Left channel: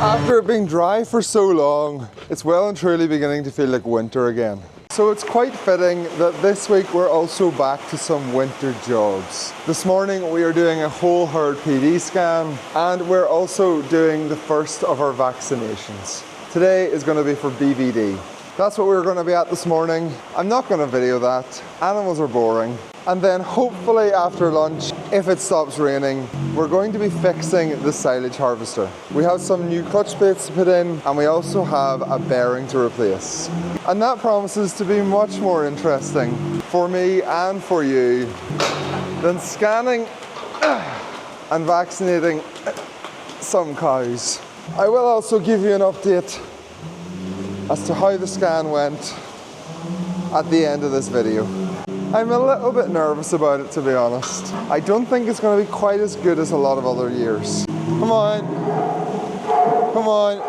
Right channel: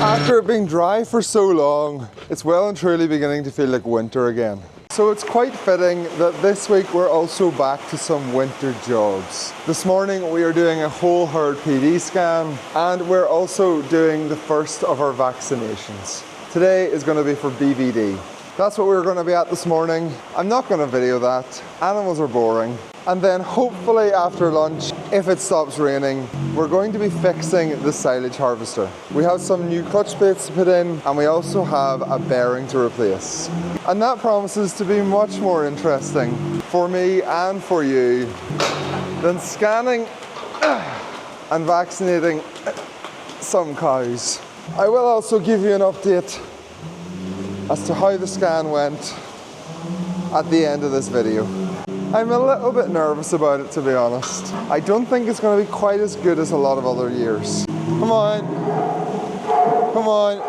After it being dry for so long, it's well and truly beginning to feel like winter again. So it's quite fitting that this week we're also back to some winter jobs. This morning we are doing a whole herd PD scan, and we're also doing the first of our vaccinations. Today is going to be for BVD. That's what we're going to be at this morning. I'm not going to video that. Animals are boring. And then hopefully after lunch, if it stops raining, we're going to be fixing the silage harvester. We have some new clutch plates to put in, and we also have a bearing to replace. And that promises to be much more interesting for me and for you than scanning and vaccinating some cows. I will also give you an update as to how the scan went at the end of this video. I'm a little bit nervous about it, to be honest. I don't think it's going to be quite as good as a lot of other years. Come on. Come on.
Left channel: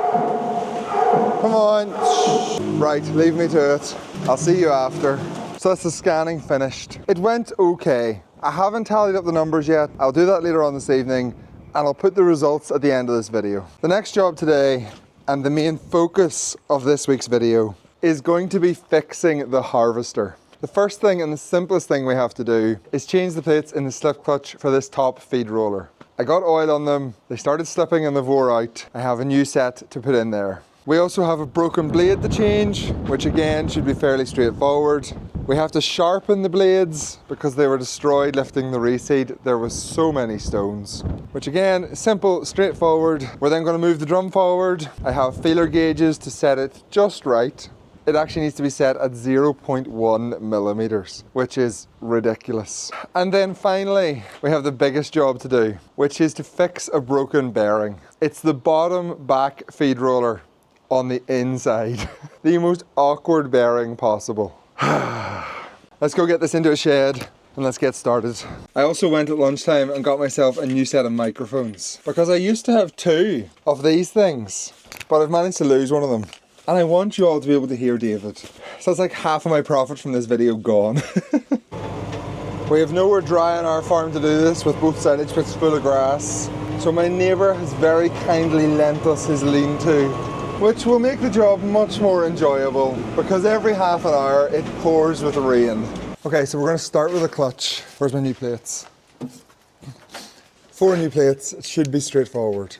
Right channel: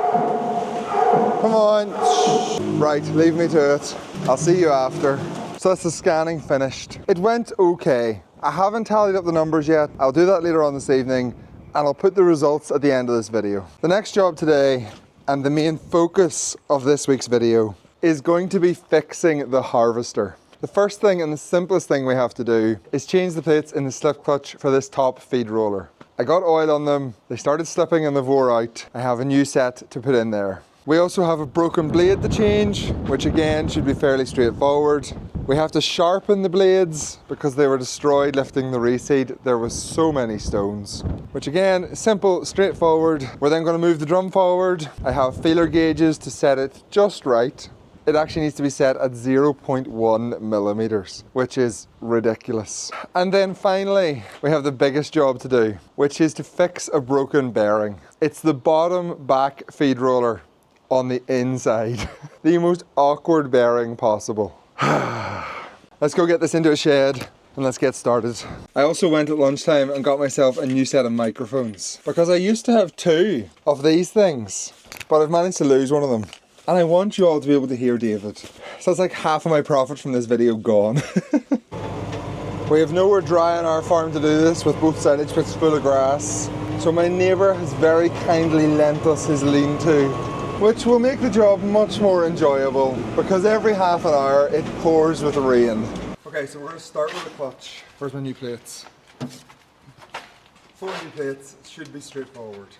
Come on. Right, leave me to it. I'll see you after. So that's the scanning finished. It went okay. I haven't tallied up the numbers yet. I'll do that later on this evening, and I'll put the results at the end of this video. The next job today, and the main focus of this week's video, is going to be fixing the harvester. The first thing and the simplest thing we have to do is change the plates in the slip clutch for this top feed roller. I got oil on them, they started slipping and they wore out. I have a new set to put in there. We also have a broken blade to change, which again should be fairly straightforward. We have to sharpen the blades because they were destroyed lifting the reseed. There was so many stones, which again, simple, straightforward. We're then going to move the drum forward. I have feeler gauges to set it just right. It actually needs to be set at 0.1 millimeters, which is ridiculous. And then finally, we have the biggest job to do, which is to fix a broken bearing. It's the bottom back feed roller on the inside. The most awkward bearing possible. Let's go get this into a shed and let's get started. I also went at lunchtime and got myself a new set of microphones because I used to have two of these things, but I've managed to lose one of them. And I want you all to be able to hear David. So it's like half of my profit from this video gone. We have nowhere dry on our farm to do this, with both silage pits full of grass. So my neighbour has very kindly lent us his lean-to, which will make the job much more enjoyable because every half an hour it pours with rain. Okay, so we're going to start with a clutch. Where's my new plates? 4 new plates. It should be straightforward.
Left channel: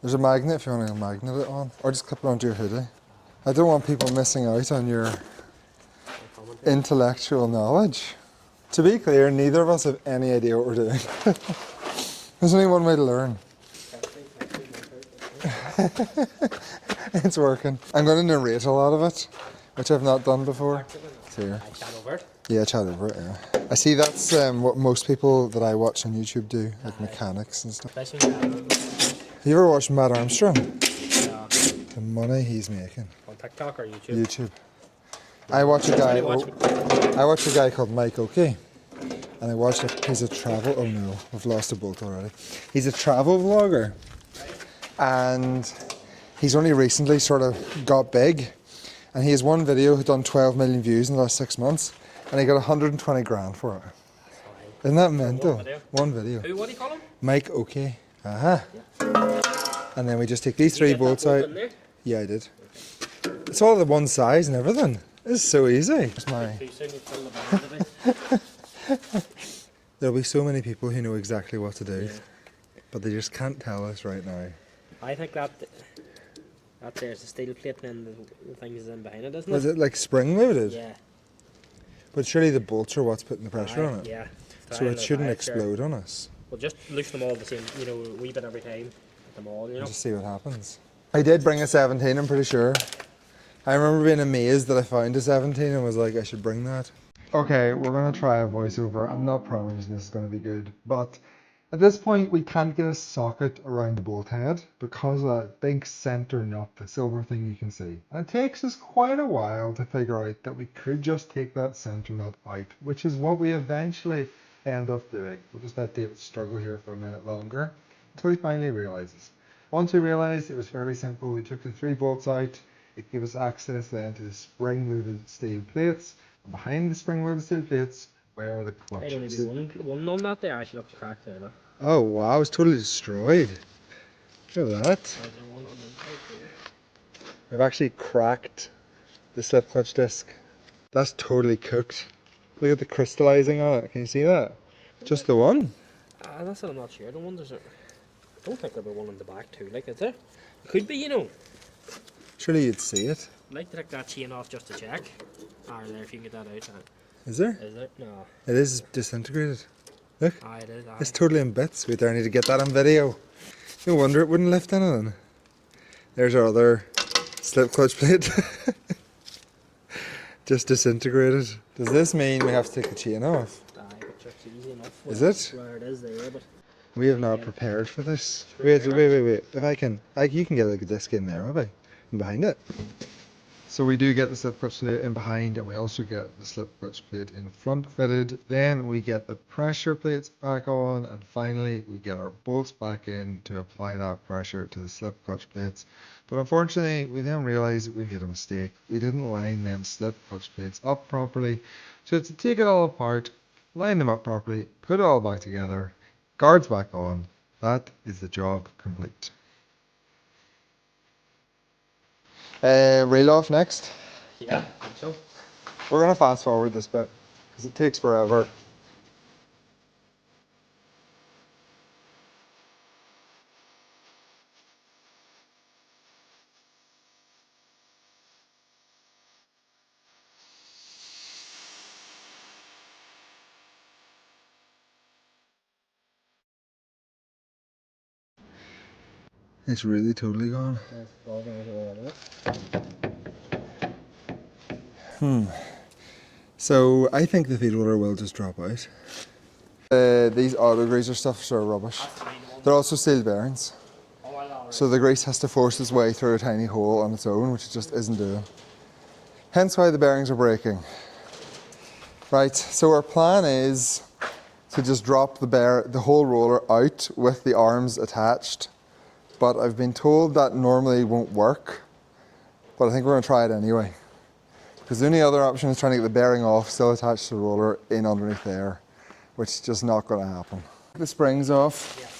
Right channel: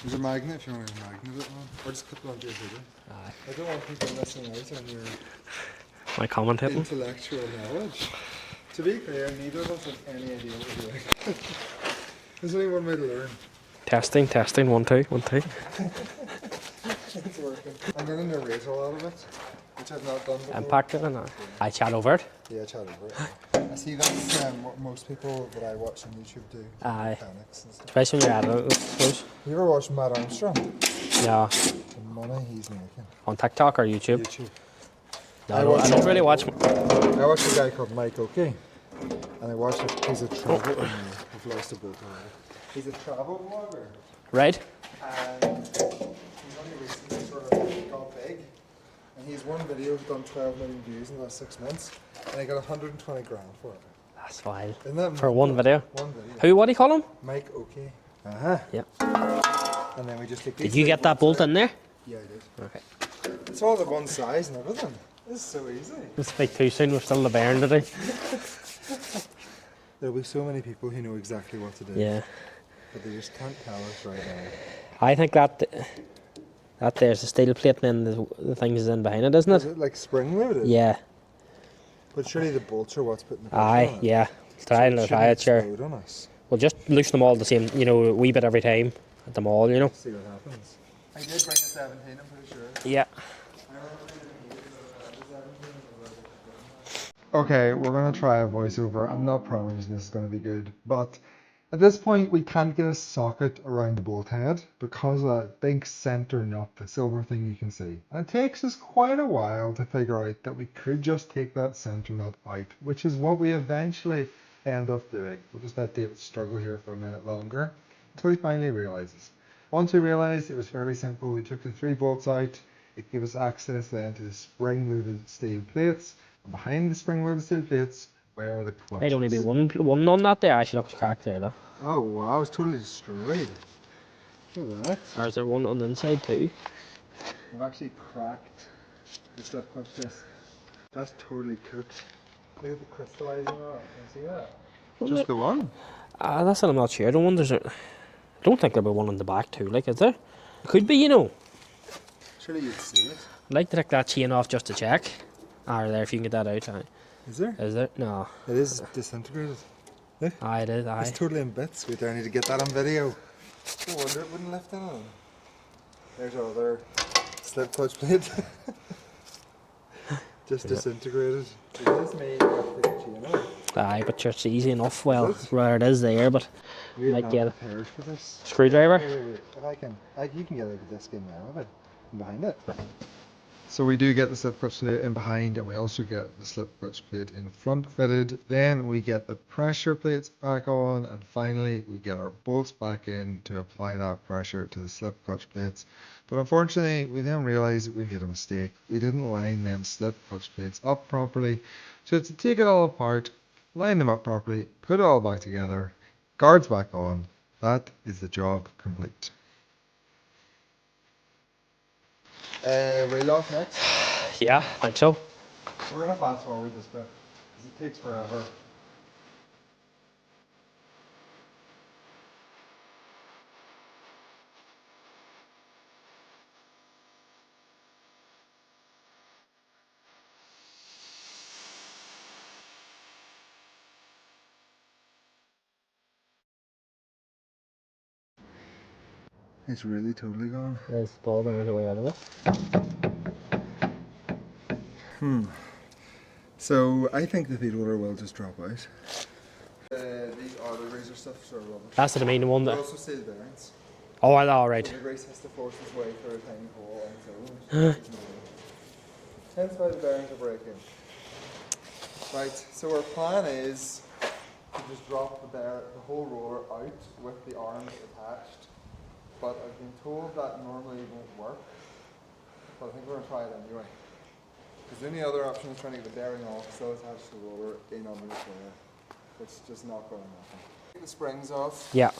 There's a magnet if you want to magnet it on, or just clip it onto your hoodie. I don't want people missing out on your intellectual knowledge. To be clear, neither of us have any idea what we're doing. There's only one way to learn. Testing, 1, 2, 1, 2. It's working. I'm going to narrate a lot of it, which I've not done before. I chat over it. Yeah, chat over it. Yeah. I see that's what most people that I watch on YouTube do, like mechanics and stuff. Especially when you're at it. You ever watch Matt Armstrong? Yeah. The money he's making. On TikTok or YouTube? YouTube. No, I watch a guy called Mike Oakey. And I watched it. He's a travel. Oh no, I've lost a bolt already. He's a travel vlogger. Right. And he's only recently sort of got big. And he has one video who's done 12 million views in the last 6 months. And he got 120 grand for it. That's wild. Isn't that mental? For one video? One video. Who, what do you call him? Mike Oakey. Yep. And then we just take these Did you get that bolt in there? Yeah, I did. Okay. It's all the one size and everything. It's so easy. Just like too soon, we're still the bearing today. There'll be so many people who know exactly what to do. Yeah. But they just can't tell us right now. I think that there's a steel plate and then the things in behind it, isn't it? Is it like spring loaded? Yeah. But surely the bolts are what's putting the pressure on it. Yeah. So it shouldn't explode on us. We'll just loosen them all the same, a wee bit every time at them all, Just see what happens. I did bring a 17, I'm pretty sure. Yeah. I remember being amazed that I found a 17 and was like, I should bring that. Okay, we're going to try a voiceover. I'm not promising this is going to be good, but at this point we can't get a socket around the bolt head because of that big center nut, the silver thing you can see. And it takes us quite a while to figure out that we could just take that center nut out, which is what we eventually end up doing. We'll just let David struggle here for a minute longer until he finally realizes. Once we realized it was fairly simple, we took the 3 bolts out. It gave us access then to the spring-loaded steel plates. And behind the spring-loaded steel plates were the clutches. There'd only be one on that there. Actually looks cracked there though. Oh wow, it's totally destroyed. Look at that. Or is there one on the inside too? I've actually cracked the slip clutch disc. That's totally cooked. Look at the crystallizing on it. Can you see that? Just the one? That's what I'm not sure. I don't think there'll be one on the back too, like, is there? It could be, you know. Surely you'd see it. I'd like to take that chain off just to check. There, if you can get that out. Is there? Is there? No. It is disintegrated. Look. It is, It's totally in bits. Wait there, I need to get that on video. No wonder it wouldn't lift in on. There's our other slip clutch plate. Just disintegrated. Does this mean we have to take the chain off? But it's easy enough. Well, Is it? where it is there, but We have might not get it. prepared for this. Screwdriver? Wait. If I can, you can get a disc in there, maybe, and behind it. So we do get the slip clutch plate in behind, and we also get the slip clutch plate in front fitted. Then we get the pressure plates back on, and finally we get our bolts back in to apply that pressure to the slip clutch plates. But unfortunately, we then realised that we made a mistake. We didn't line them slip clutch plates up properly. So to take it all apart, line them up properly, put it all back together, guards back on. That is the job complete. Reel off next. Yeah, I think so. We're gonna fast forward this bit because it takes forever. It's really totally gone. There's the ball going away out of it. So I think the feed roller will just drop out. These auto greaser stuffs are rubbish. That's the main one. They're also steel bearings. Oh, all right. So the grease has to force its way through a tiny hole on its own, which it just isn't doing. Hence why the bearings are breaking. Right, so our plan is to just drop the whole roller out with the arms attached. But I've been told that normally won't work. But I think we're gonna try it anyway. Because the only other option is trying to get the bearing off, still attached to the roller, in underneath there, which is just not gonna happen. The springs off. Yeah.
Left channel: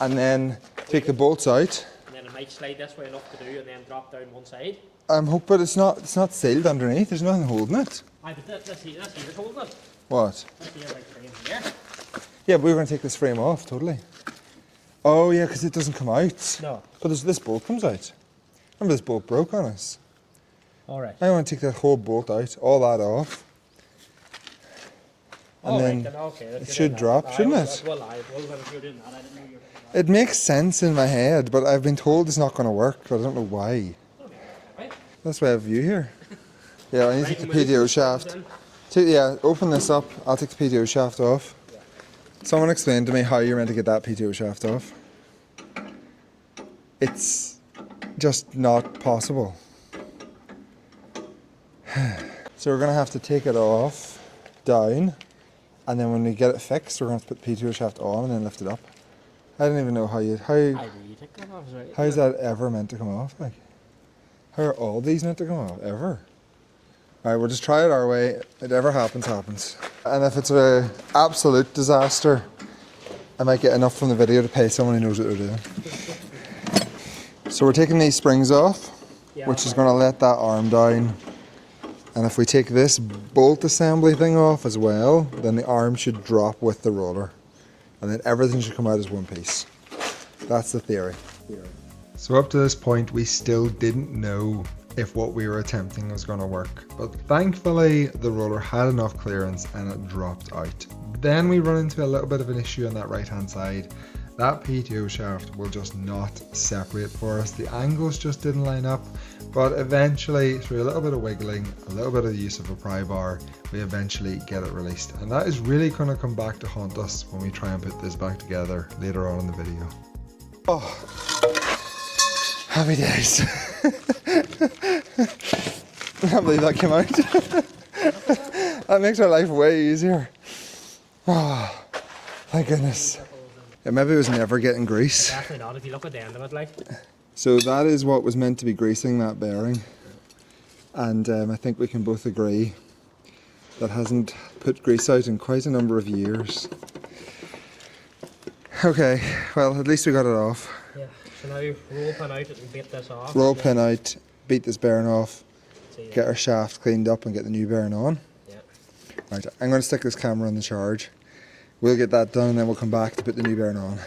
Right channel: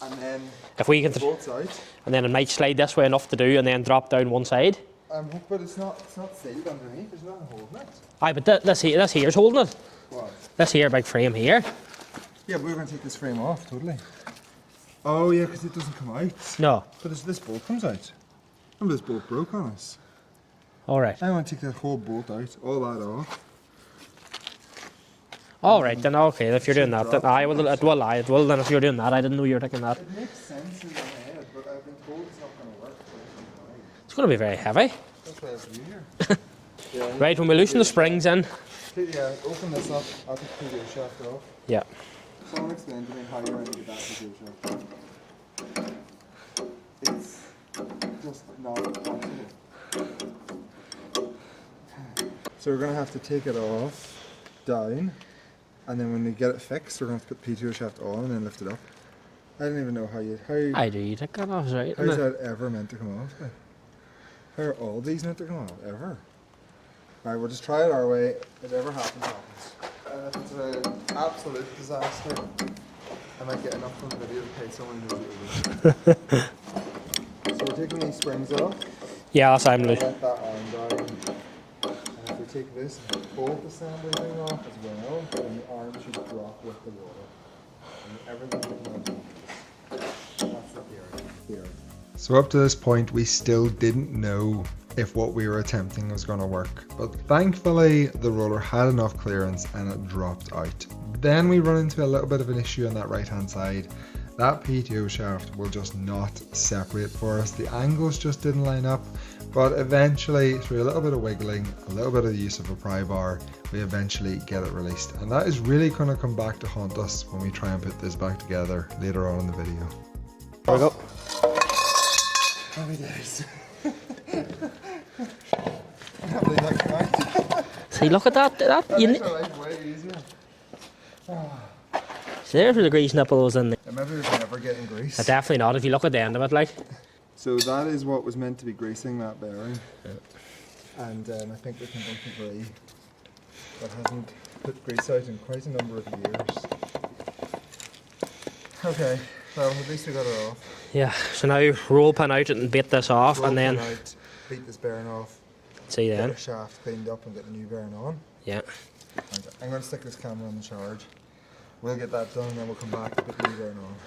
And then If we take get the bolts out. And then it might slide this way enough to do, and then drop down one side. But it's not sealed underneath. There's nothing holding it. But this here's holding it. What? This here big frame here. Yeah, but we're going to take this frame off, totally. Oh yeah, because it doesn't come out. No. But this bolt comes out. Remember this bolt broke on us. All right. I want to take that whole bolt out, all that off. All right, then okay. If you're doing that, drop, then it will. shouldn't It will. Then if you're doing that, I didn't know you were taking that. It makes sense in my head, but I've been told it's not going to work, but I don't know why. It's going to be very heavy. That's why I have you here. Yeah, I need Right, to when put we loosen PTO the springs shaft. in. Yeah, open this up. I'll take the PTO shaft off. Yeah. Someone explained to me how you're meant to get that PTO shaft off. It's just not possible. So we're going to have to take it off, down, and then when we get it fixed, we're going to put the PTO shaft on and then lift it up. I don't even know how I do. You take that off, right? how's that ever meant to come off? Like, how are all these meant to come off, ever? Alright, we'll just try it our way. Whatever happens, happens. And if it's an absolute disaster, I might get enough from the video to pay someone who knows what they're doing. So we're taking these springs off. Yeah, We're that's just what going to I'm let that arm down. And if we take this bolt assembly thing off as well, then the arm should drop with the roller. And then everything should come out as one piece. That's the theory. So up to this point, we still didn't know if what we were attempting was going to work. But thankfully, the roller had enough clearance and it dropped out. Then we run into a little bit of an issue on that right hand side. That PTO shaft will just not separate for us. The angles just didn't line up. But eventually, through a little bit of wiggling, a little bit of the use of a pry bar, we eventually get it released. And that is really going to come back to haunt us when we try and put this back together later on in the video. There we go. Happy days. I can't believe that came out. See, look at that. That makes our life way easier. There's where the grease nipple was in there. Yeah, maybe it was never getting grease. Definitely not. If you look at the end of it, like. So that is what was meant to be greasing that bearing. And I think we can both agree that hasn't put grease out in quite a number of years. Okay, well, at least we got it off. Yeah, so now roll pin out it and bait this off. Roll and then pin out, beat this bearing off, see get there. our shaft cleaned up and get the new bearing on. Yeah. Right, I'm going to stick this camera on the charge. We'll get that done and then we'll come back to put the new bearing on.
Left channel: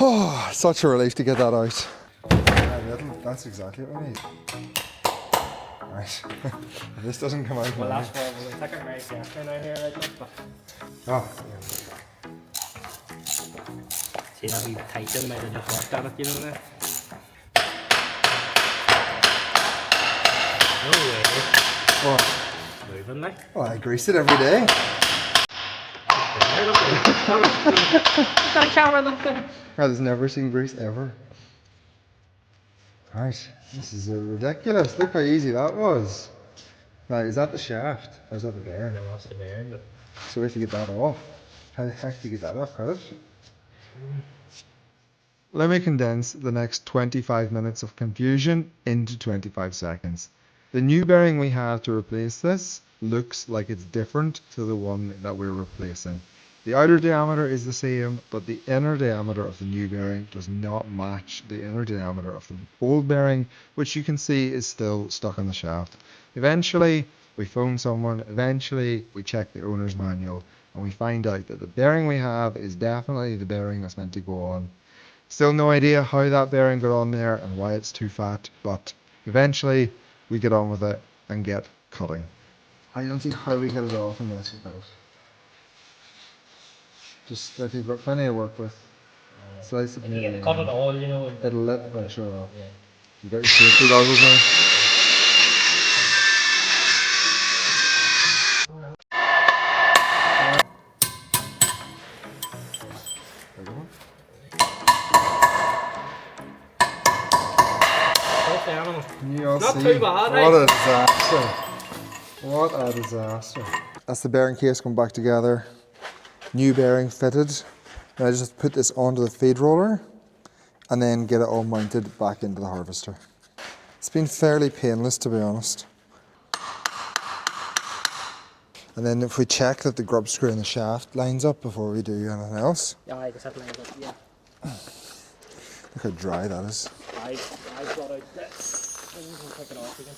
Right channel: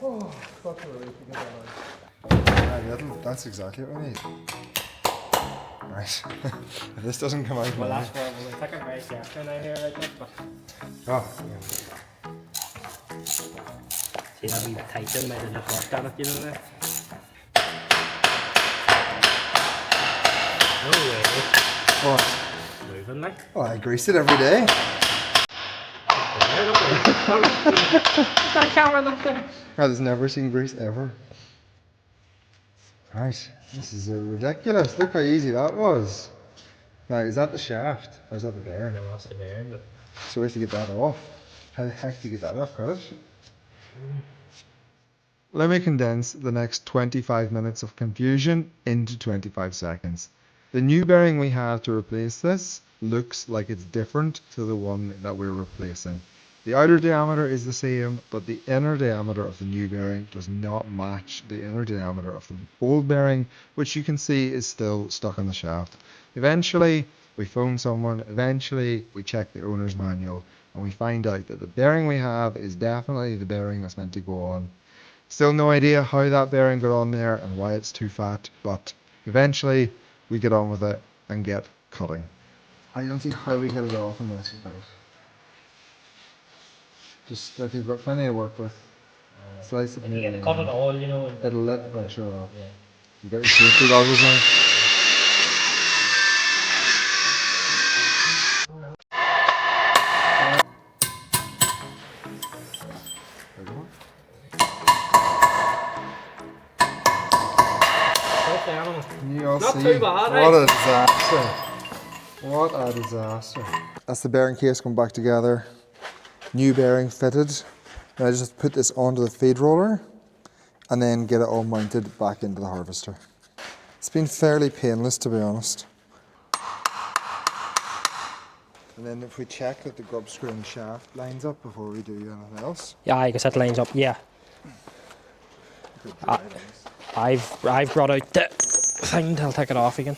Oh, such a relief to get that out. That's exactly what we need. Right. If this doesn't come out. Well, that's why we'll take it very carefully now here, right? Like, but Oh. see that wee tighten might have just worked at it, you know that? Oh, Oh. moving like. Oh, I grease it every day. Got a camera up there. I've never seen grease ever. Right, this is ridiculous. Look how easy that was. Now, is that the shaft? Or is that the bearing? No, that's the bearing, but So we have to get that off. How the heck do you get that off, Curtis? Let me condense the next 25 minutes of confusion into 25 seconds. The new bearing we have to replace this looks like it's different to the one that we're replacing. The outer diameter is the same, but the inner diameter of the new bearing does not match the inner diameter of the old bearing, which you can see is still stuck on the shaft. Eventually, we phone someone, eventually we check the owner's manual, and we find out that the bearing we have is definitely the bearing that's meant to go on. Still no idea how that bearing got on there and why it's too fat, but eventually we get on with it and get cutting. I don't see how we get it off in this without. Just that you've got plenty to work with. Slice it and you get to cut it all, you know. It'll let the pressure off. Yeah. You got your safety goggles now. Both the animals. Can you all Not see? too bad, What eh? a disaster. What a disaster. That's the bearing case come back together. New bearing fitted. Now I just put this onto the feed roller and then get it all mounted back into the harvester. It's been fairly painless, to be honest. And then if we check that the grub screw in the shaft lines up before we do anything else. Yeah, I guess that lines up, yeah. Look how dry that is. I've brought out the thing, I'll take it off again.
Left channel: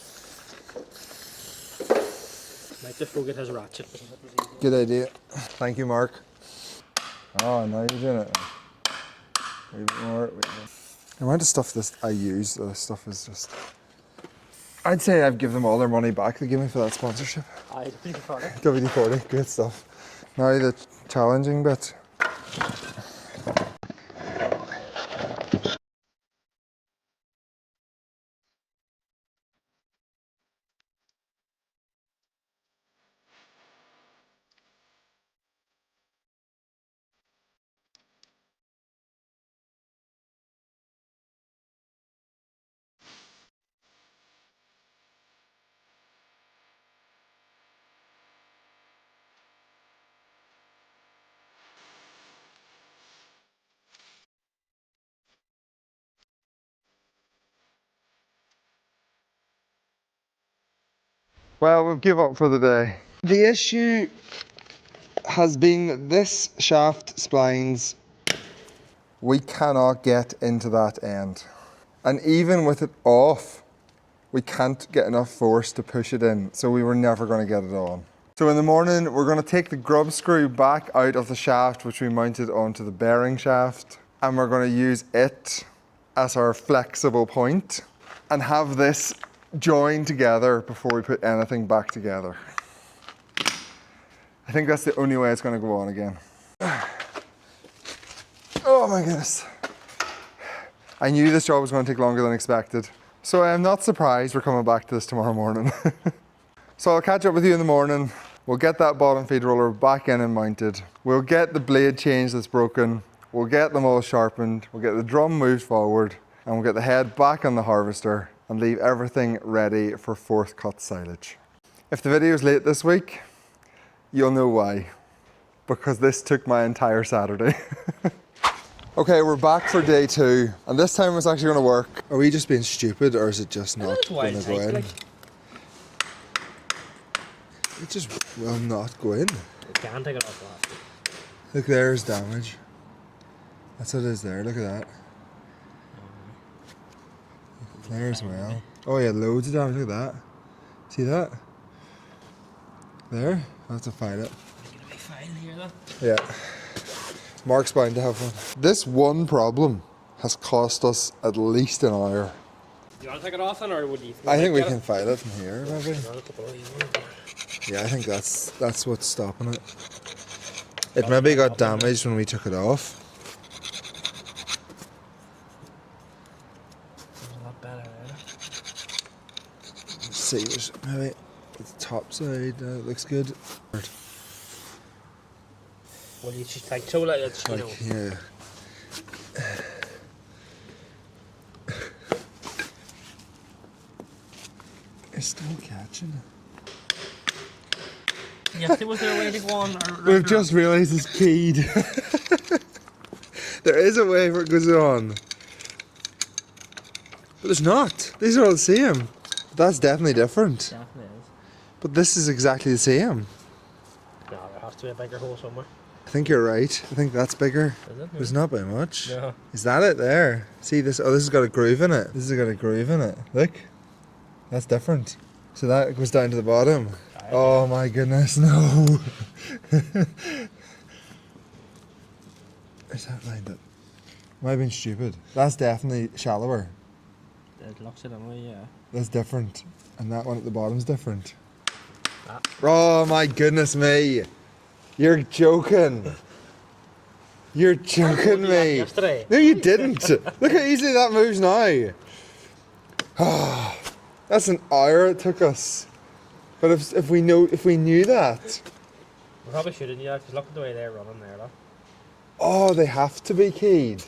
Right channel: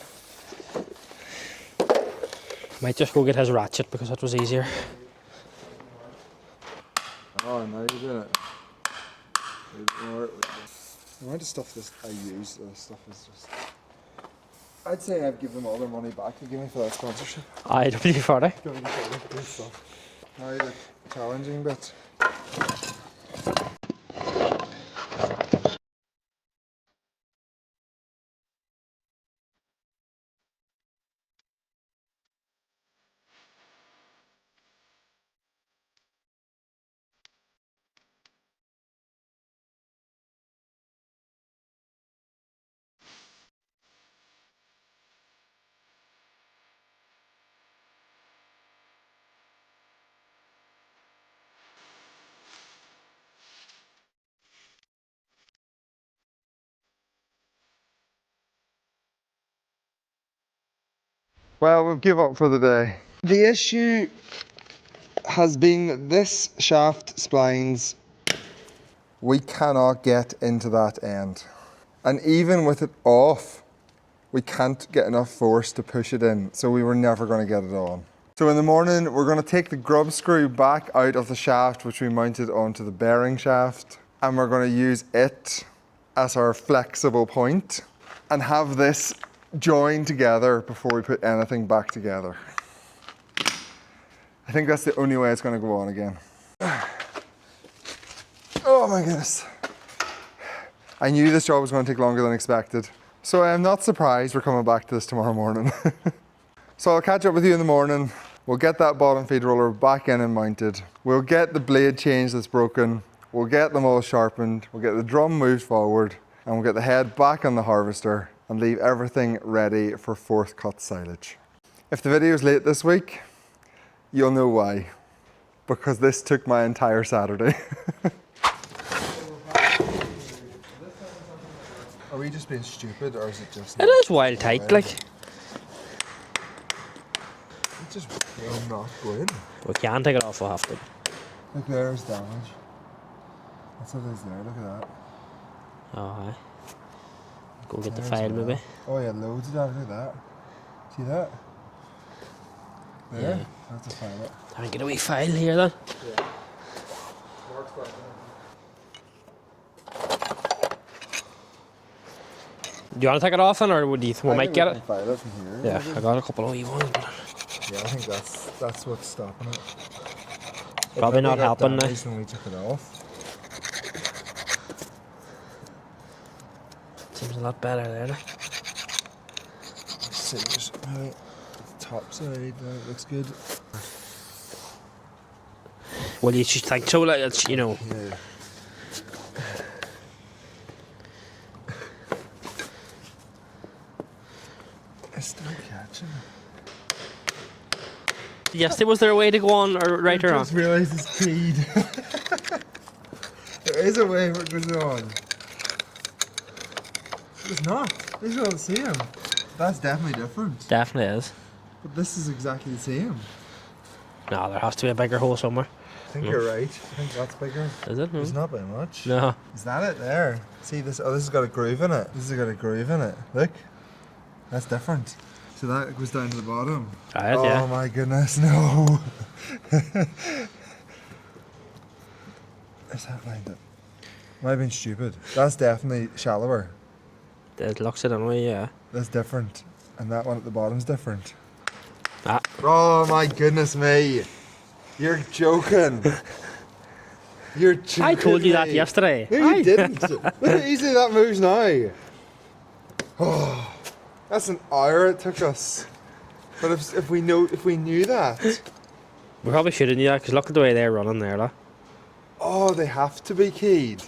Might just go get his ratchet because that was easier. Good idea. Thank you, Mark. Oh, now you're doing it. The amount of stuff I use, this stuff is just... I'd say I've given them all their money back they gave me for that sponsorship. Aye, WD-40. WD-40, good stuff. Now the challenging bit. Well, we've give up for the day. The issue has been this shaft splines. We cannot get into that end. And even with it off, we can't get enough force to push it in, so we were never going to get it on. So in the morning, we're going to take the grub screw back out of the shaft, which we mounted onto the bearing shaft, and we're going to use it as our flexible point and have this joined together before we put anything back together. I think that's the only way it's going to go on again. Oh my goodness. I knew this job was going to take longer than expected. So I am not surprised we're coming back to this tomorrow morning. So I'll catch up with you in the morning. We'll get that bottom feed roller back in and mounted. We'll get the blade change that's broken. We'll get them all sharpened. We'll get the drum moved forward and we'll get the head back on the harvester and leave everything ready for fourth cut silage. If the video's late this week, you'll know why. Because this took my entire Saturday. Okay, we're back for day 2, and this time it's actually going to work. Are we just being stupid, or is it just not? It is wild tight, like. It just will not go in. We can't take it off, we'll have to. Look, there's damage. That's what it is there, look at that. Oh, aye. Go get There the as file well. maybe. Oh yeah, loads of damage, look at that. See that? There? Yeah. I have to find it. Can I get a wee file here then? Yeah. Mark's bound to have one. This one problem has cost us at least an hour. Do you want to take it off then, or would you I might think we get can it? file it from here. Yeah, maybe. I got a couple of wee ones. Yeah, I think that's what's stopping it. It Probably maybe not got helping, no. damaged when we took it off. Seems a lot better there. Let's see, there's maybe the top side, it looks good. Well, you should think so, like, it's, you know. Yeah. It's still catching. Yes, was there a way to go on or I've right or just wrong? realised it's keyed. There is a way where it goes on. But there's not. These are all the same. That's definitely different. Definitely is. But this is exactly the same. No, there has to be a bigger hole somewhere. I think you're right. I think that's bigger. Is it? There's not by much. No. Is that it there? See this? Oh, this has got a groove in it. This has got a groove in it. Look. That's different. So that goes down to the bottom. Aye, Oh yeah. my goodness, no. Is that lined up? Am I being stupid? That's definitely shallower. It looks it anyway, yeah. That's different. And that one at the bottom's different. Ah. Oh my goodness me. You're joking. You're joking I told you that me. yesterday. No, you didn't. Look how easily that moves now. Oh, that's an hour it took us. But if we knew that. We probably should have knew that, because look at the way they're running there, like. Oh, they have to be keyed.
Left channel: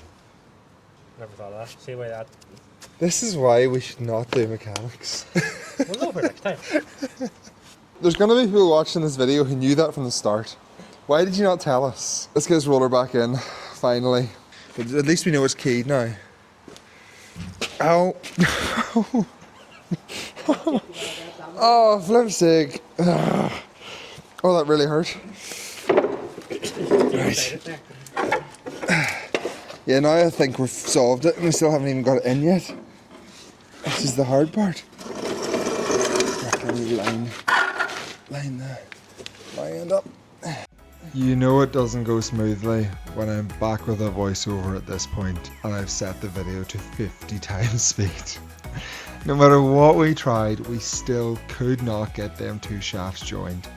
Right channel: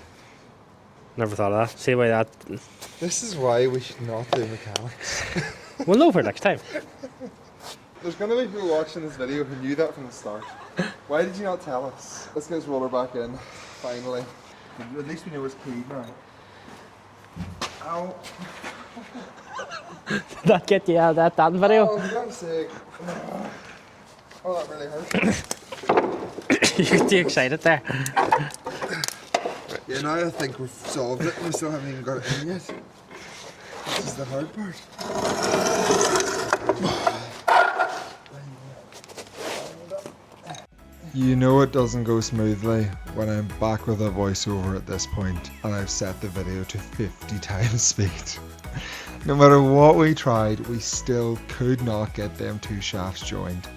Never thought of that. See why that. This is why we should not do mechanics. We'll know for next time. There's going to be people watching this video who knew that from the start. Why did you not tell us? Let's get this roller back in, finally. But at least we know it's keyed now. Ow. That get you out of that damn video. Oh, flip's sake. Oh, that really hurt. You're too excited there. Yeah, now I think we've solved it and we still haven't even got it in yet. This is the hard part. Line there. Lined up. You know it doesn't go smoothly when I'm back with a voiceover at this point and I've set the video to 50 times speed. No matter what we tried, we still could not get them two shafts joined.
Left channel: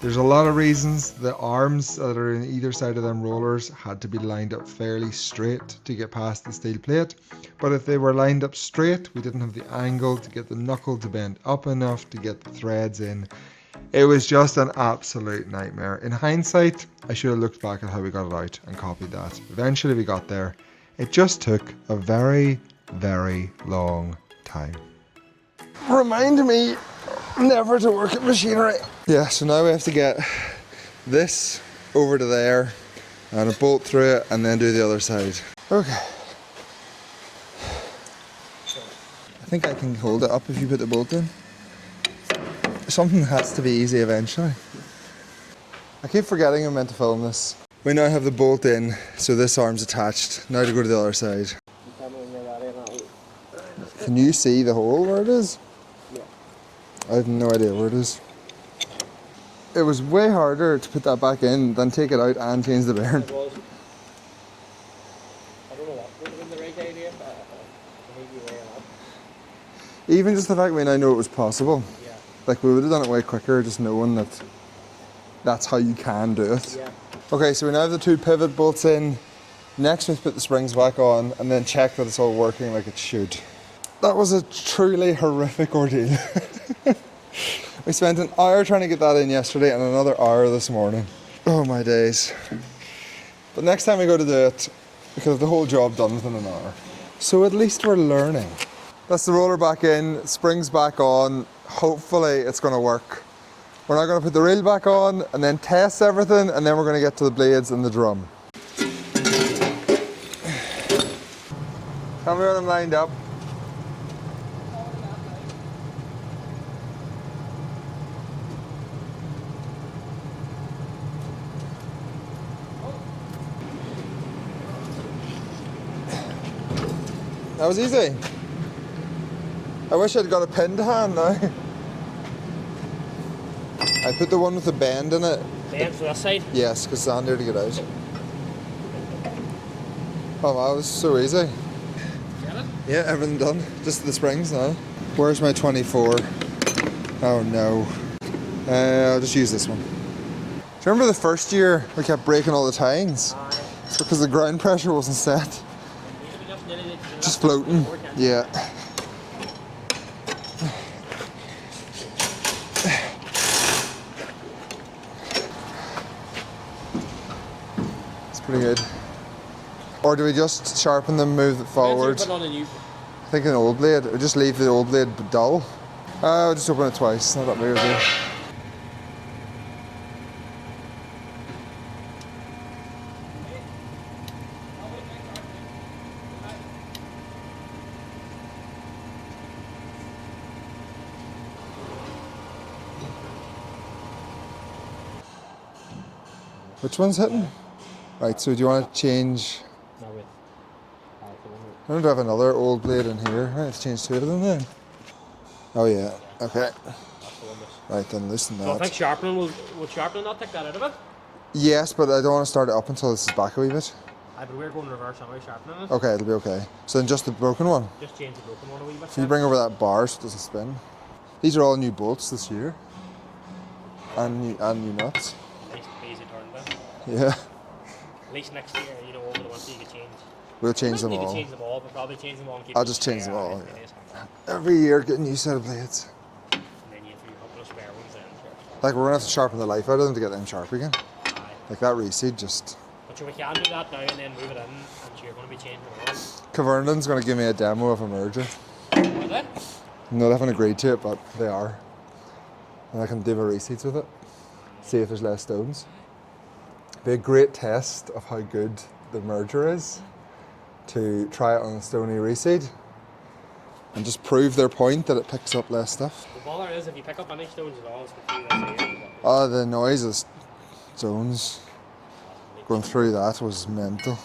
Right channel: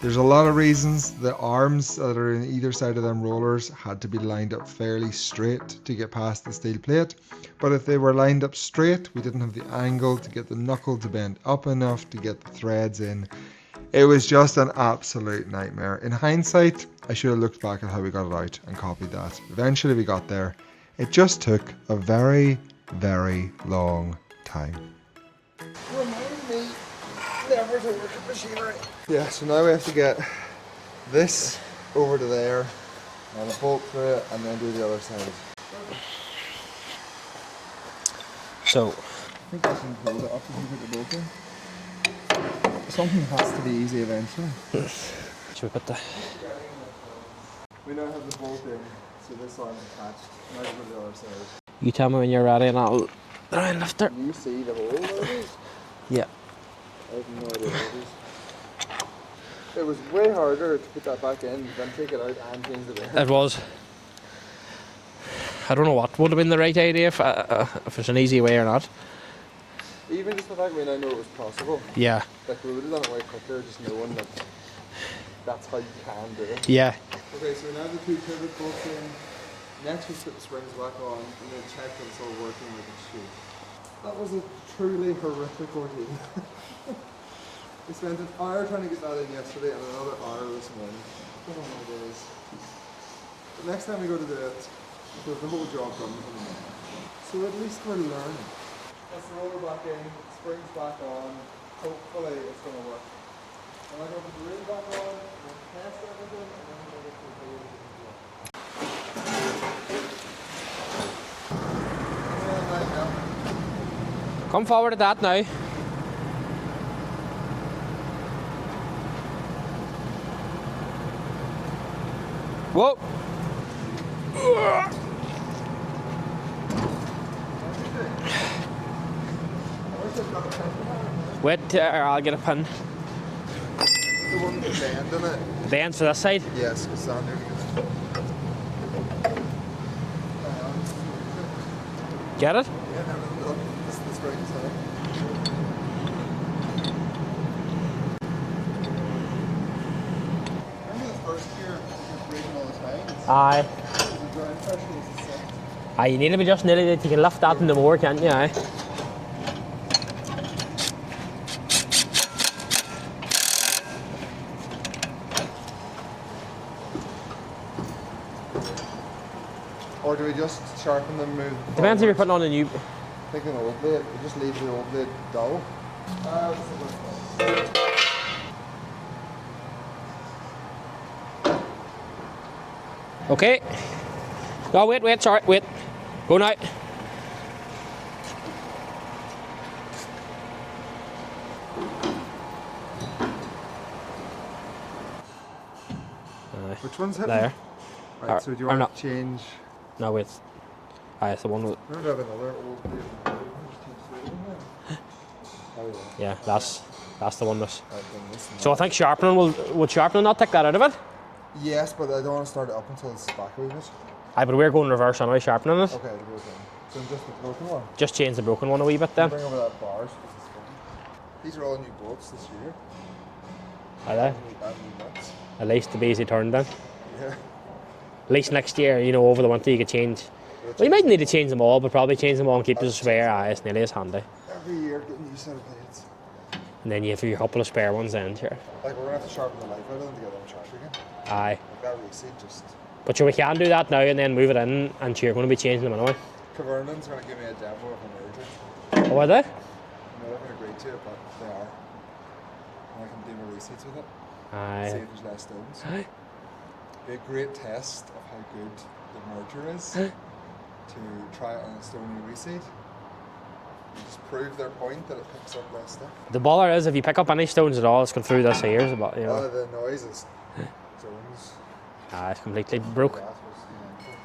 There's a lot of reasons. The arms that are in either side of them rollers had to be lined up fairly straight to get past the steel plate. But if they were lined up straight, we didn't have the angle to get the knuckle to bend up enough to get the threads in. It was just an absolute nightmare. In hindsight, I should have looked back at how we got it out and copied that. Eventually we got there. It just took a very, very long time. Remind me never to work at machinery. Yeah, so now we have to get this over to there and a bolt through it and then do the other side. Okay. So, I think I can hold it up if you put the bolt in. Something has to be easy eventually. should we put the. I keep forgetting I'm meant to film this. We now have the bolt in, so this arm's attached. Now to go to the other side. You tell me when you're ready and I'll try and lift it. Can you see the hole where it is? Yeah. I have no idea where it is. It was way harder to put that back in than take it out and change the bearing. It was. I don't know what would have been the right idea if it's an easy way or not. Even just the fact we now know it was possible. Yeah. Like we would have done it way quicker just knowing that that's how you can do it. Yeah. Okay, so we now have the two pivot bolts in. Next we have to put the springs back on and then check that it's all working like it should. That was a truly horrific ordeal. We spent an hour trying to get that in yesterday and another hour this morning. Oh my days. But next time we go to do it, because the whole job done within an hour. So at least we're learning. That's the roller back in, springs back on. Hopefully it's going to work. We're now going to put the reel back on and then test everything and then we're going to get to the blades and the drum. Have we got them lined up? Come forward to that now. Whoa. That was easy. I wish I'd got a pin to hand now. Wait, I'll get a pin. I put the one with the bend in it. Bend for this side? Yes, because it's handier to get out. Oh, that was so easy. Get it? Yeah, everything done. Just the springs now. Where's my 24? Oh no. I'll just use this one. Do you remember the first year we kept breaking all the tines? Aye. Because the ground pressure wasn't set. Aye, you need to be just nearly that you can Just lift that in the floating. more, can't you? Yeah. Aye. It's pretty good. Or do we just sharpen them, move it forward? Depends if you're putting on a new. I think an old blade, or just leave the old blade dull. I'll just open it twice. Not really. Okay. No, wait, sorry, wait. Go now. Which one's hitting? There. Right, so do you want not- to change? No, wait. Aye, it's the one with. I don't have another old blade in here. Right, let's change two of them then. Oh yeah. Yeah, Okay. that's the one with. Right, then loosen that. So I think sharpening would sharpening not take that out of it? Yes, but I don't want to start it up until this is back a wee bit. Aye, but we're going reverse anyway, sharpening it. Okay, it'll be okay. So then just the broken one. Just change the broken one a wee bit You then. bring over that bar so it doesn't spin. These are all new bolts this year. Aye, And new nuts. at least to be easy turned then. Yeah. At least next year, you know, over the winter you could change. We'll You change might them need to all. change them all, but probably change them all and keep I'll the just change spare. them Aye, all. it's nearly as handy. Every year get a new set of blades. And then you have your couple of spare ones then, sure. Like we're gonna have to sharpen the life out of them to get them sharp again. Aye. Like that reseed just. But sure, we can do that now and then move it in, and sure, you're going to be changing them anyway. Caverndon's gonna give me a demo of a merger. Oh, are they? No, they haven't agreed to it, but they are. And I can do my reseeds with it. Aye. See if there's less stones. Aye. Be a great test of how good the merger is to try it on a stony reseed and just prove their point that it picks up less stuff. The bother is, if you pick up any stones at all, it's going through this here. But, you know. Oh, the noise of stones Aye, it's completely going through broke. that was mental.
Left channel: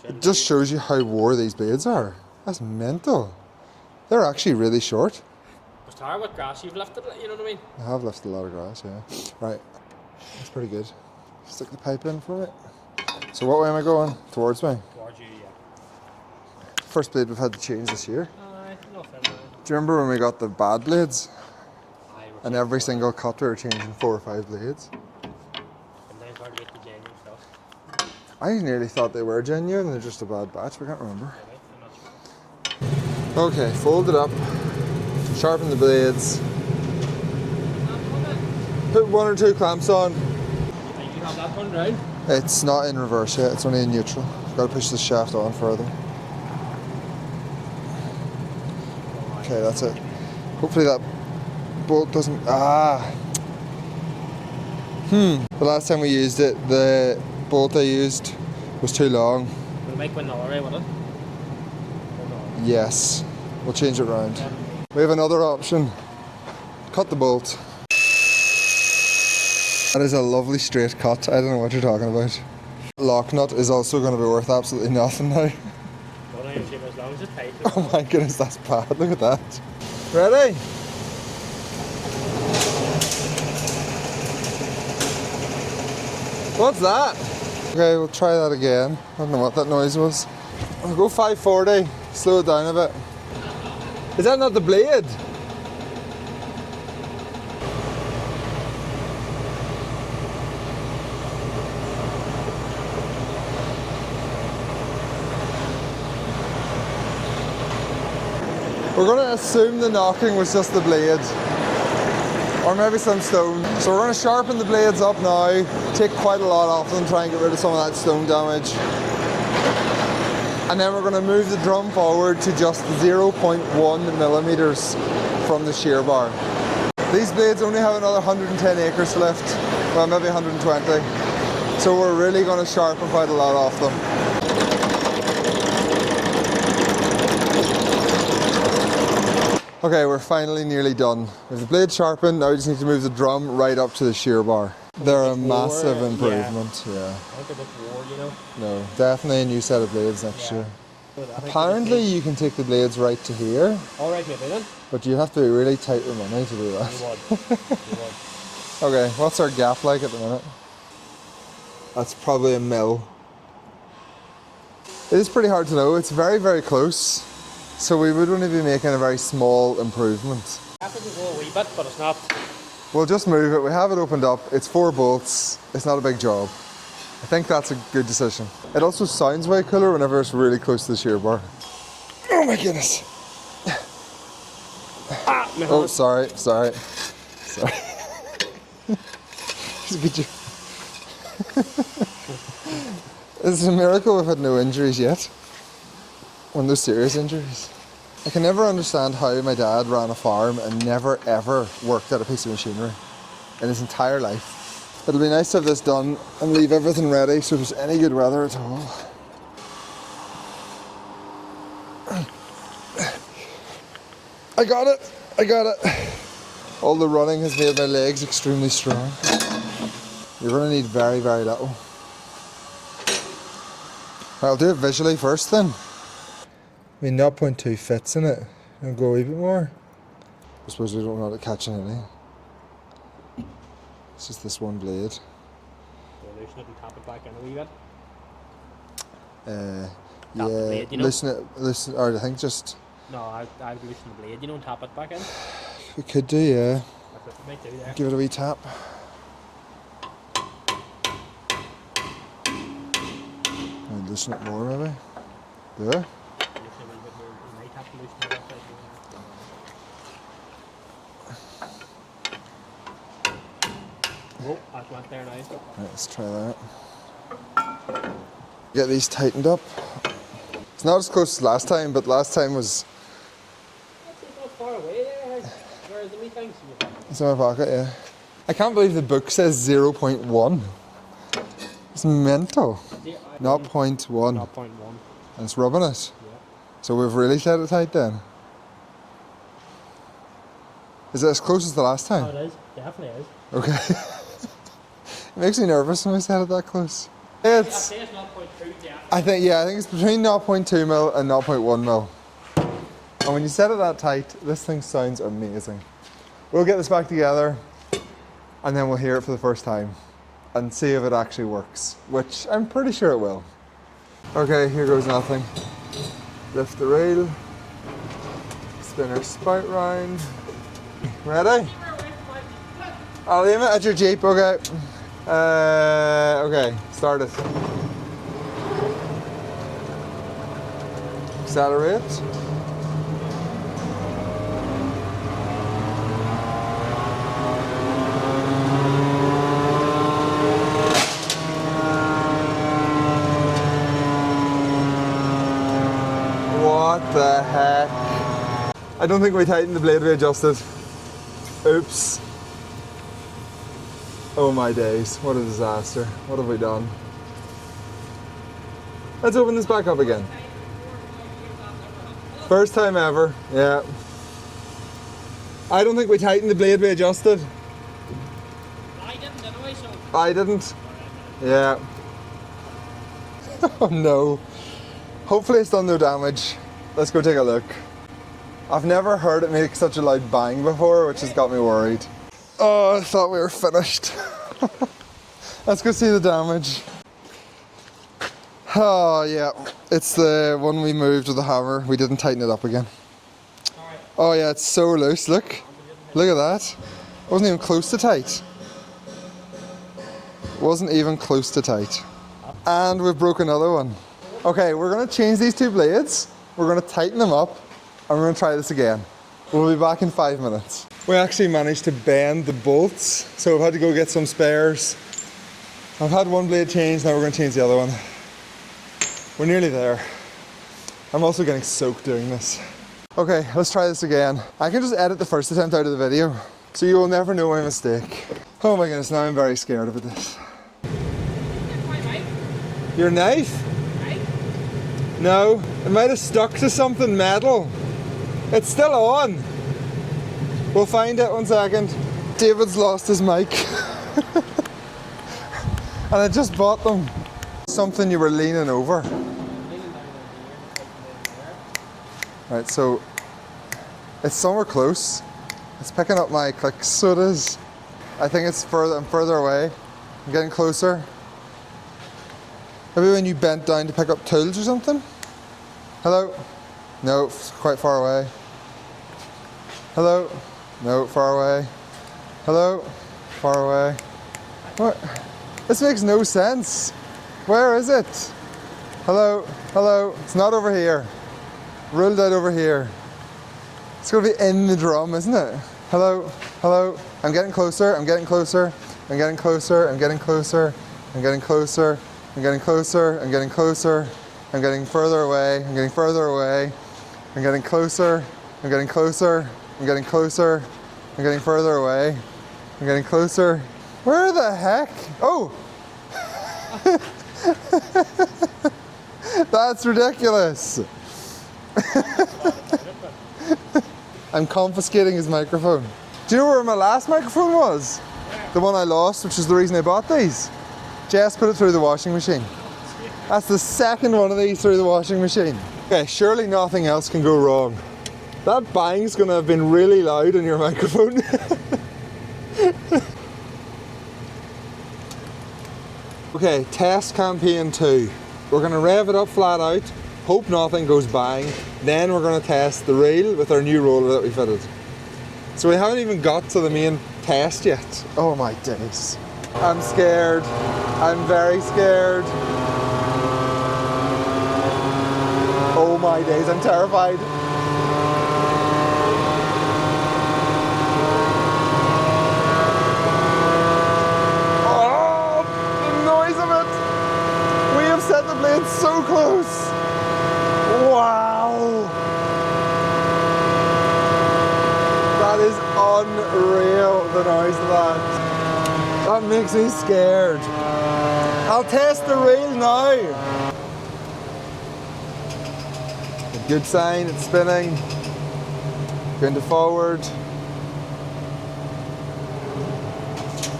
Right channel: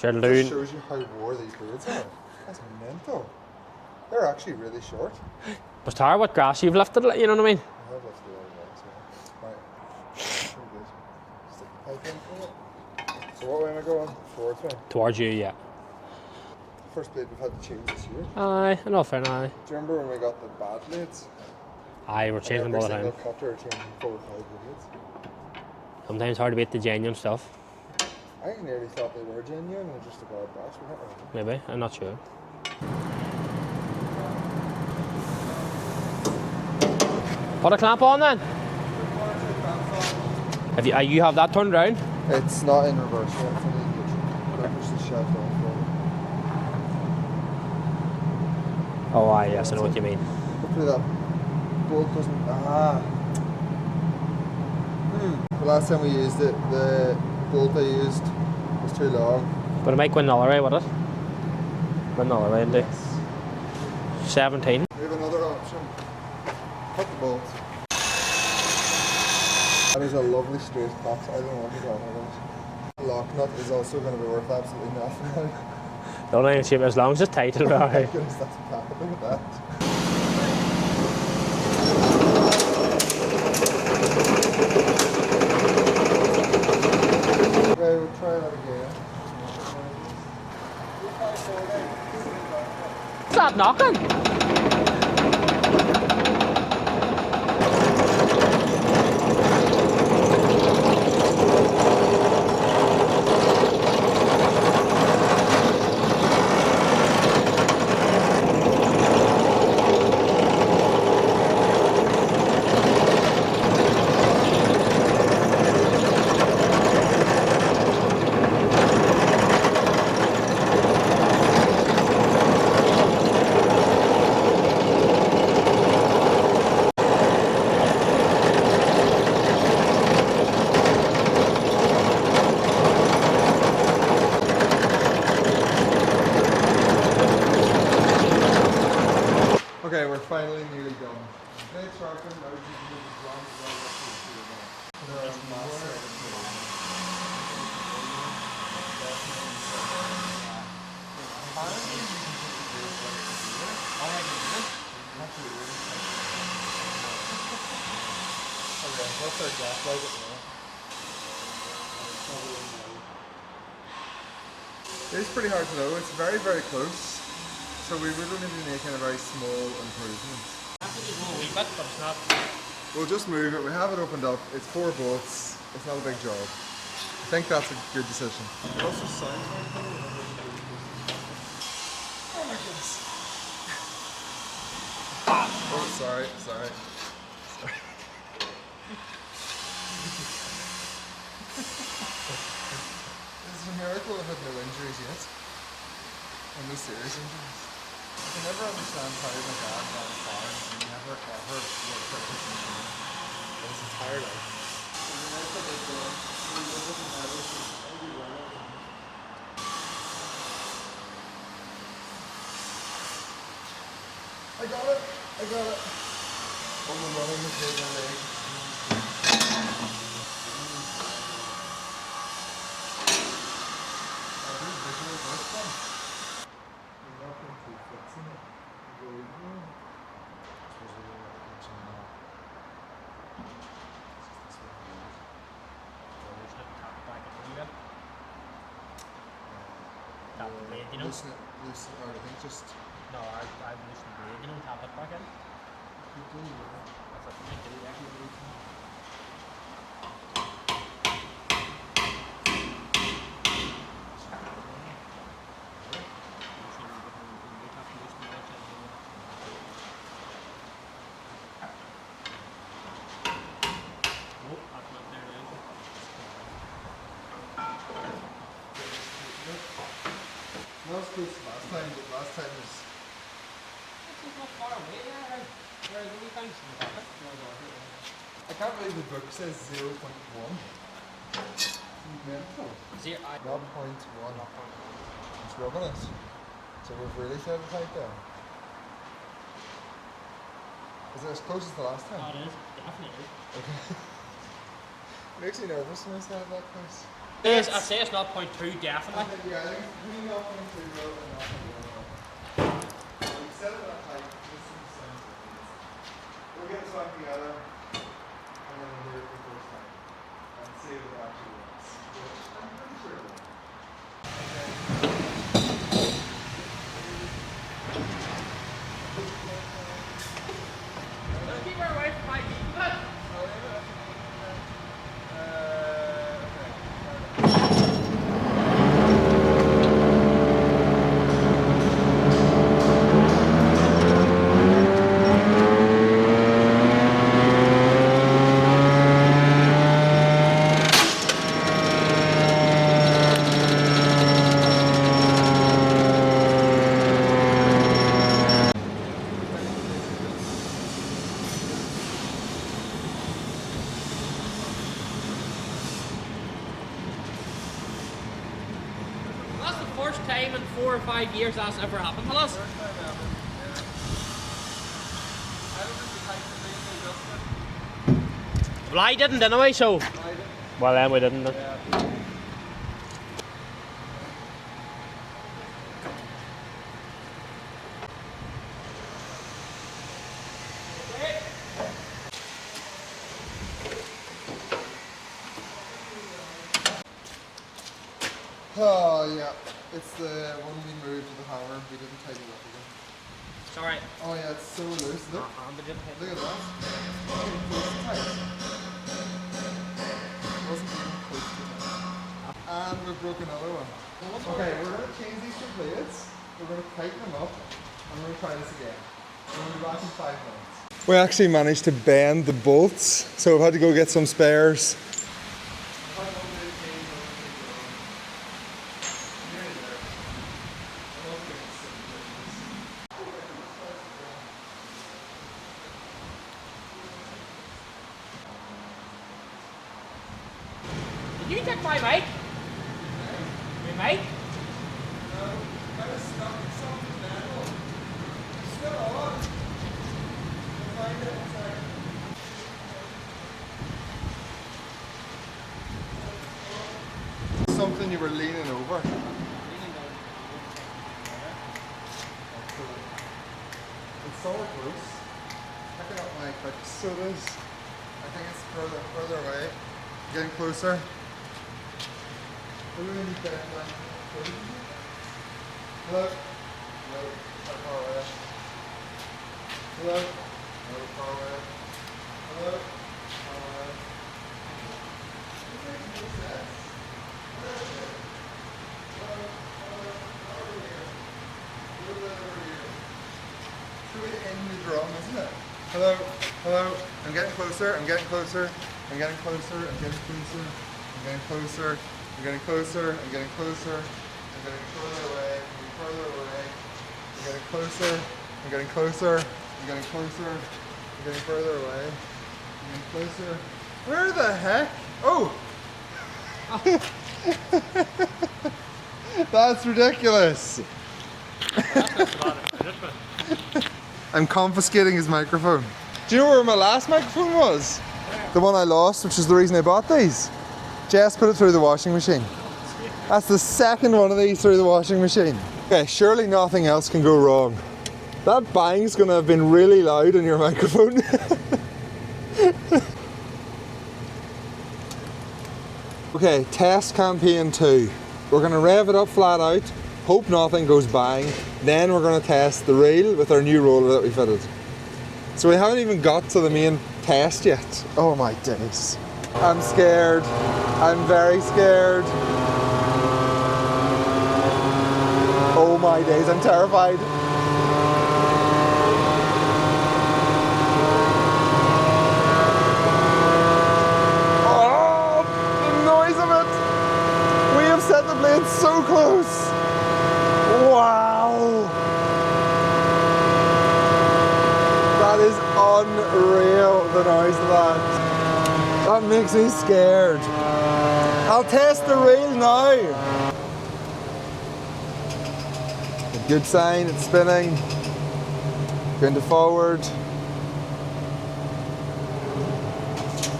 Sure, It just shows you how wore these blades are. That's mental. They're actually really short. But Tara, what grass you've lifted, you know what I mean? I have lifted a lot of grass, yeah. Right, pretty good. Stick the pipe in for it. So what way am I going? Towards me. Towards you, yeah. First blade we've had to change this year. Aye, enough for now. Do you remember when we got the bad blades? Aye, we're And changing every all single around. cut we were changing 4 or 5 blades. Sometimes hard to beat the genuine stuff. I nearly thought they were genuine, they're just a bad batch, we can't remember. Maybe, I'm not sure. Okay, fold it up, sharpen the blades, Put a clamp on then. put 1 or 2 clamps on. Have you have that turned around? It's not in reverse yet, it's only in neutral. Gotta push the shaft on further. Oh, aye, Okay, yes, I that's know what it. you mean. Hopefully that bolt doesn't, The last time we used it, the bolt I used was too long. But it might go another way, would it? Go another way. Yes, we'll change it around. 17. We have another option. Cut the bolt. That is a lovely straight cut. I don't know what you're talking about. Lock nut is also going to be worth absolutely nothing now. Don't even shape as long as it's tight. Oh my goodness, that's bad. Look at that. Ready? What's that? Okay, we'll try that again. I don't know what that noise was. I'll go 540. Slow it down a bit. Is that knocking? Is that not the blade? We're going to assume the knocking was just the blade. Or maybe some stone. So we're going to sharpen the blades up now, take quite a lot off them, try and get rid of some of that stone damage. And then we're going to move the drum forward to just 0.1 millimeters from the shear bar. These blades only have another 110 acres left, well maybe 120. So we're really going to sharpen quite a lot off them. Okay, we're finally nearly done. There's the blade sharpened, now we just need to move the drum right up to the shear bar. They're a massive improvement, yeah. No, definitely a new set of blades next year. Apparently you can take the blades right to here, Alright, you're doing it. but you have to be really tight with money to do that. Okay, what's our gap like at the minute? That's probably a mil. It is pretty hard to know. It's very, very close. So we would only be making a very small improvement. Have to go a wee bit, but it's not. We'll just move it. We have it opened up. It's 4 bolts. It's not a big job. I think that's a good decision. It also sounds way cooler whenever it's really close to the shear bar. Oh my goodness. Oh, sorry. It's a miracle we've had no injuries yet. One of those serious injuries. I can never understand how my dad ran a farm and never ever worked at a piece of machinery in his entire life. It'll be nice to have this done and leave everything ready so there's any good weather at all. I got it! All the running has made my legs extremely strong. You're going to need very, very little. I'll do it visually first then. I mean, 0.2 fits in it. I'll go a wee bit more. I suppose we don't want it catching any. It's just this one blade. Loosen it and tap it back in a wee bit. Yeah, blade, you know? loosen, or I think just... No, I'd loosen the blade, you know, and tap it back in. We could do, yeah. That's what you might do there. Give it a wee tap. And loosen it more, maybe. Yeah. Loosen it a wee bit more, you might have to loosen it outside. Oh, that went there now. Let's try that. Get these tightened up. It's not as close as last time, but last time was... It's not far away there. Where are the wee things in the back? It's in my pocket, yeah. I can't believe the book says 0.1. It's mental. 0.1. 0.1. And it's rubbing it. So we've really set it tight then. Is it as close as the last time? Oh, it is. Definitely is. Okay. It makes me nervous when we set it that close. I'd say it's 0.2 definitely. I think it's between 0.2 mil and 0.1 mil. And when you set it that tight, this thing sounds amazing. We'll get this back together and then we'll hear it for the first time and see if it actually works, which I'm pretty sure it will. Okay, here goes nothing. Lift the rail, spin our spout round. Ready? I'll aim it at your Jeep, okay. Okay, start it. Accelerate. What the heck? I don't think we tightened the blade we adjusted. Oops. Oh my days, what a disaster. What have we done? Let's open this back up again. First time in 4 or 5 years that's ever happened to us. First time ever, yeah. I don't think we tightened the blade we adjusted. Well, I didn't anyway, so. I didn't. Well, then we didn't. Yeah. Oh no. Hopefully it's done no damage. Let's go take a look. I've never heard it make such a loud bang before, which has got me worried. Oh, I thought we were finished. Let's go see the damage. Oh yeah, it's the one we moved with the hammer. We didn't tighten it up again. Sorry. Oh yeah, it's so loose, look. Look at that. Wasn't even close to tight. Wasn't even close to tight. And we've broke another one. Okay, we're gonna change these two blades. We're gonna tighten them up and we're gonna try this again. We'll be back in 5 minutes. We actually managed to bend the bolts, so I've had to go get some spares. I've had one blade changed, now we're gonna change the other one. We're nearly there. I'm also getting soaked doing this. Okay, let's try this again. I can just edit the first attempt out of the video, so you will never know my mistake. Oh my goodness, now I'm very scared about this. You took my mic. Your knife? My mic? No, it might have stuck to something metal. It's still on. We'll find it, 1 second. David's lost his mic. And I just bought them. Something you were leaning over. Right, so it's somewhere close. It's picking up my clicks, so it is. I think it's further, I'm further away. I'm getting closer. Maybe when you bent down to pick up tools or something? Hello? No, it's quite far away. Hello? No, far away. Hello? Far away. What? This makes no sense. Where is it? Hello? Hello? It's not over here. Ruled out over here. It's going to be in the drum, isn't it? Hello? Hello? I'm getting closer. I'm getting closer. I'm getting closer. I'm getting closer. I'm getting closer. I'm getting closer. I'm getting closer. I'm getting further away. I'm getting further away. I'm getting closer. I'm getting closer. I'm getting closer. I'm getting further away. I'm getting closer. Where the heck? Oh! That's ridiculous. I'm confiscating his microphone. Do you know where my last microphone was? The one I lost, which is the reason I bought these. Jess put it through the washing machine. That's the second one of these through the washing machine. Okay, surely nothing else can go wrong. That bang's gonna have been really loud in your microphone. Okay, test campaign 2. We're gonna rev it up flat out, hope nothing goes bang, then we're gonna test the reel with our new roller that we fitted. So we haven't even got to the main test yet. Oh my days. I'm scared. I'm very scared. Oh my days, I'm terrified. Oh, the noise of it. We have set the blade so close. Wow. That is unreal, the noise of that. That makes me scared. I'll test the reel now. A good sign, it's spinning. Going to forward.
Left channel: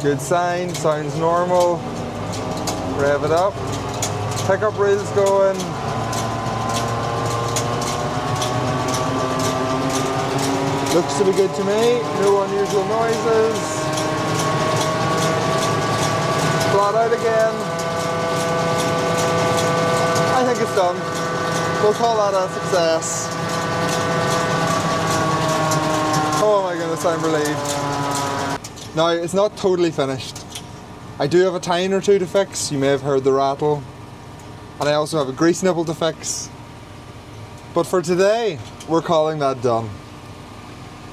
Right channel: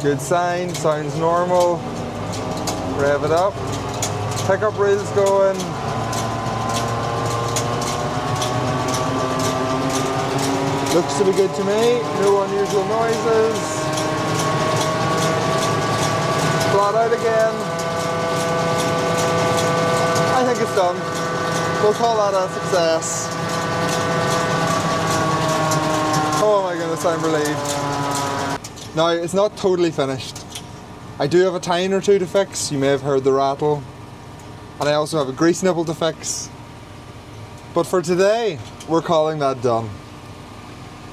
Good sign, sounds normal. Rev it up. Pickup reel's going. Looks to be good to me. No unusual noises. Flat out again. I think it's done. We'll call that a success. Oh my goodness, I'm relieved. Now, it's not totally finished. I do have a tine or two to fix. You may have heard the rattle. And I also have a grease nipple to fix. But for today, we're calling that done.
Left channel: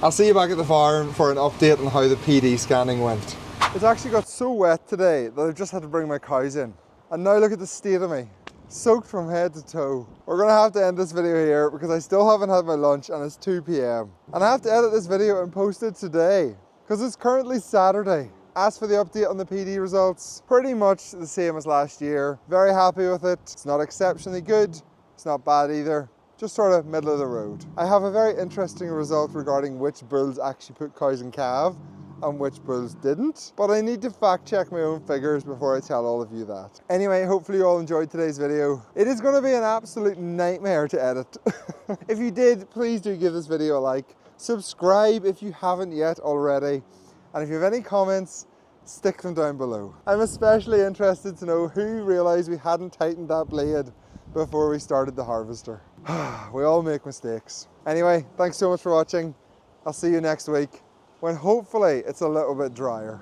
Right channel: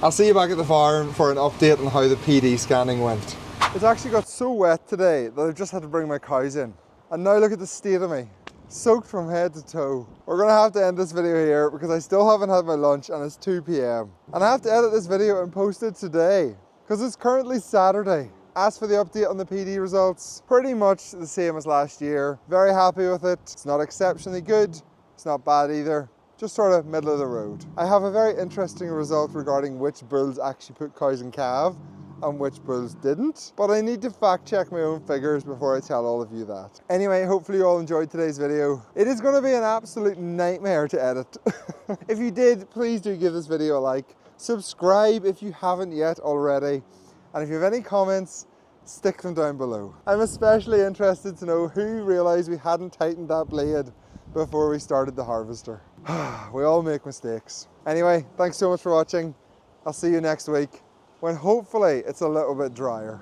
I'll see you back at the farm for an update on how the PD scanning went. It's actually got so wet today that I've just had to bring my cows in. And now look at the state of me. Soaked from head to toe. We're gonna have to end this video here because I still haven't had my lunch and it's 2 p.m. And I have to edit this video and post it today because it's currently Saturday. As for the update on the PD results, pretty much the same as last year. Very happy with it. It's not exceptionally good. It's not bad either. Just sort of middle of the road. I have a very interesting result regarding which bulls actually put cows in calve and which bulls didn't, but I need to fact check my own figures before I tell all of you that. Anyway, hopefully you all enjoyed today's video. It is going to be an absolute nightmare to edit. If you did, please do give this video a like. Subscribe if you haven't yet already. And if you have any comments, stick them down below. I'm especially interested to know who realised we hadn't tightened that blade before we started the harvester. We all make mistakes. Anyway, thanks so much for watching. I'll see you next week when hopefully it's a little bit drier.